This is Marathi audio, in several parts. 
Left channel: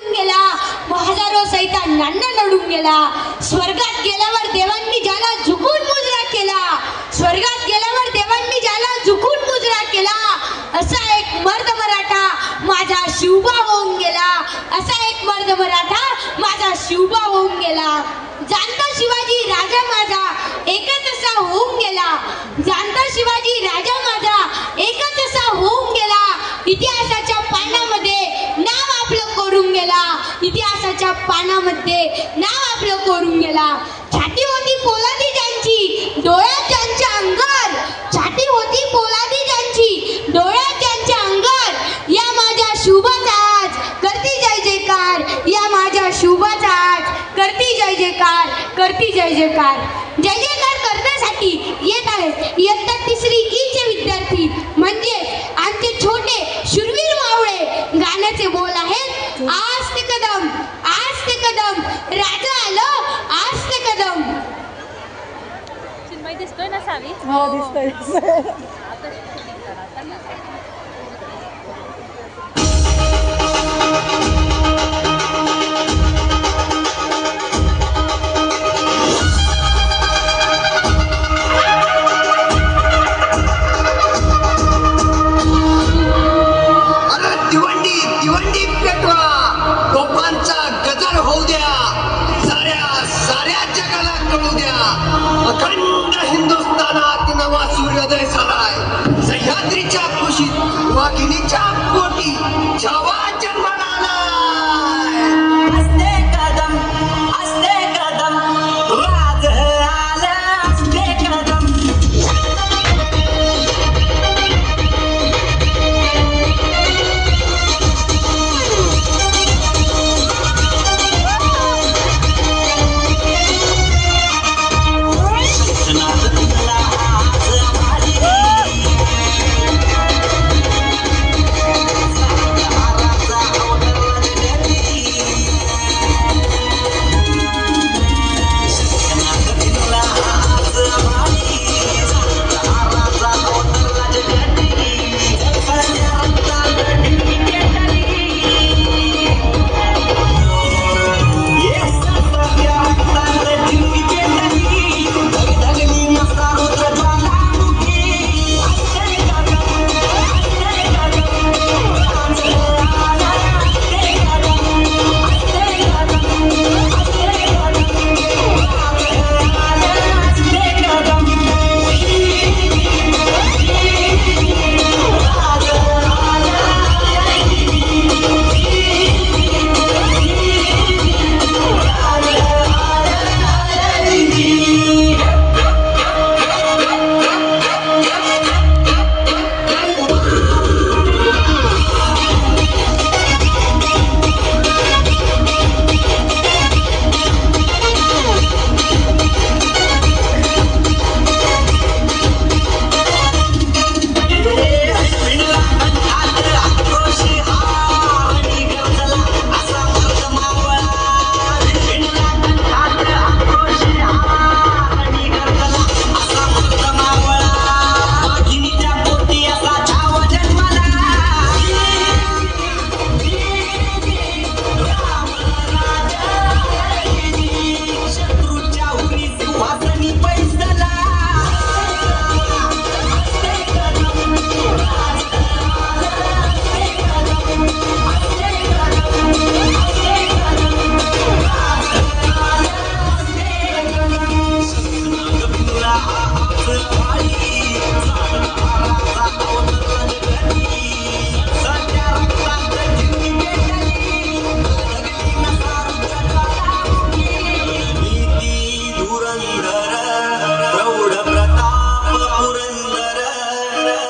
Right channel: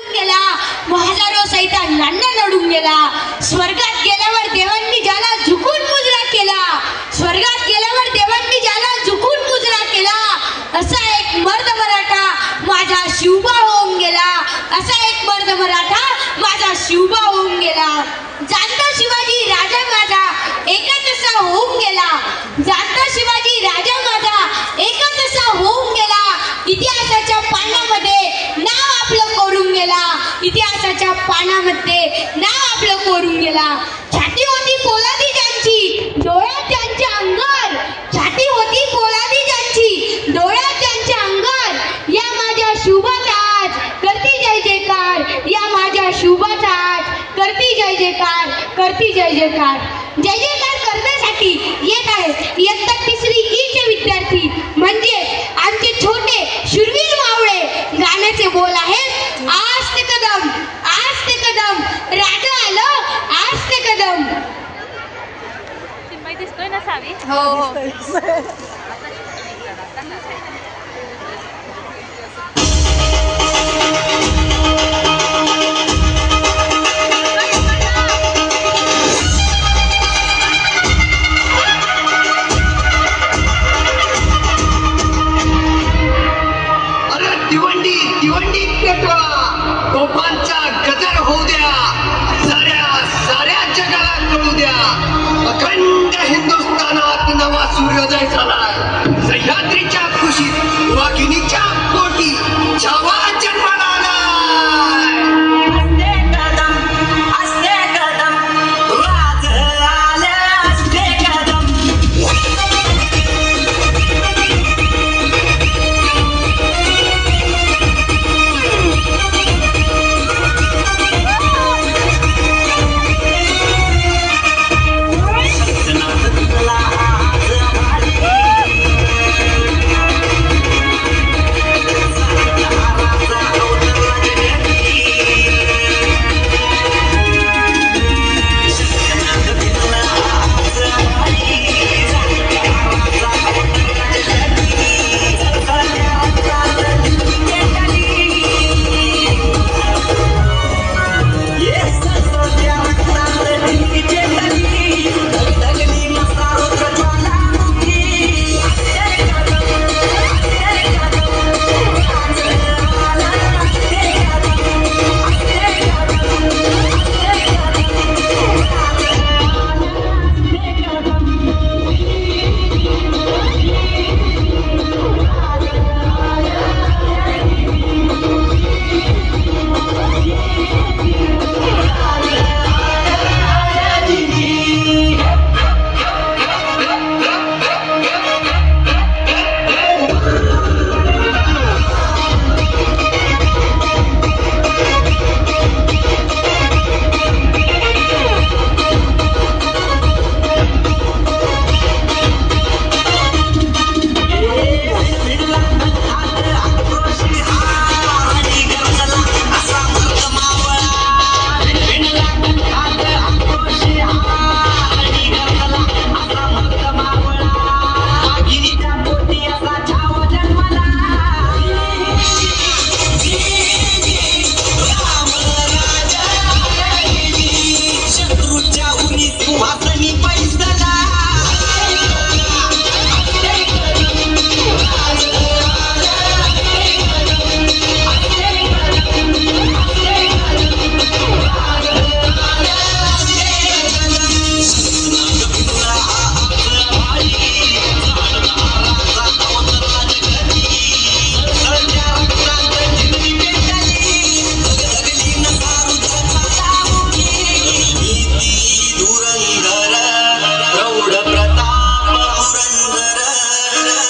गेला, हजारो सैतानांना नडून गेला. स्वर्गात गेल्यावर देवांनी ज्याला झुकून मुजरा केला, स्वर्गात गेल्यावर देवांनी ज्याला झुकून मुजरा केला, असा एक मर्द मराठा माझा शिवबा होऊन गेला, असा एक मर्द मराठा माझा शिवबा होऊन गेला. जाणता शिवाजी राजा माझा एकच असा होऊन गेला, जाणता शिवाजी राजा माझा एकच असा होऊन गेला. इतिहासाच्या पानामध्ये नाव आपलं कोरून गेला, इतिहासाच्या पानामध्ये नाव आपलं कोरून गेला. छाती होती पोलादी ज्यांची, डोळ्यात ज्यांच्या अंगार, छाती होती पोलादी ज्यांची, डोळ्यात ज्यांच्या अंगार, या माझ्या शिवबाचा आज करती जय जयकार, या माझ्या शिवबाचा आज करती जय जयकार, करती जय जयकार. जय जयकार करण्यासाठी येत आहेत इयत्ता तिसरी ईचे विद्यार्थी, म्हणजे आमचे छोटे शूरवीर मावळे. गाण्याचे बोल आहेत आस्ते कदम, आस्ते कदम, राजा आलं आस्ते कदम. चिन्मय दिसतोय ना सावी? हो. दिवंडी दिवंडी पेटवा, तोफांचा गजर होऊ द्या, साऱ्या साऱ्या जगाला कळू द्या, अखंड हिंदुस्थानात नवा सूर्योदय झालाय. सह्याद्रीच्या कुशीत वाघिणीच्या पोटी छावा जन्माला आलाय. असते कदम, असते कदम, वाज आलं असते कदम.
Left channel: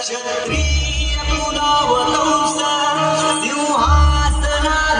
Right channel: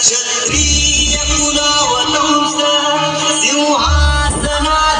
क्षत्रिय कुलवतंस सिंहासनाधीश्वर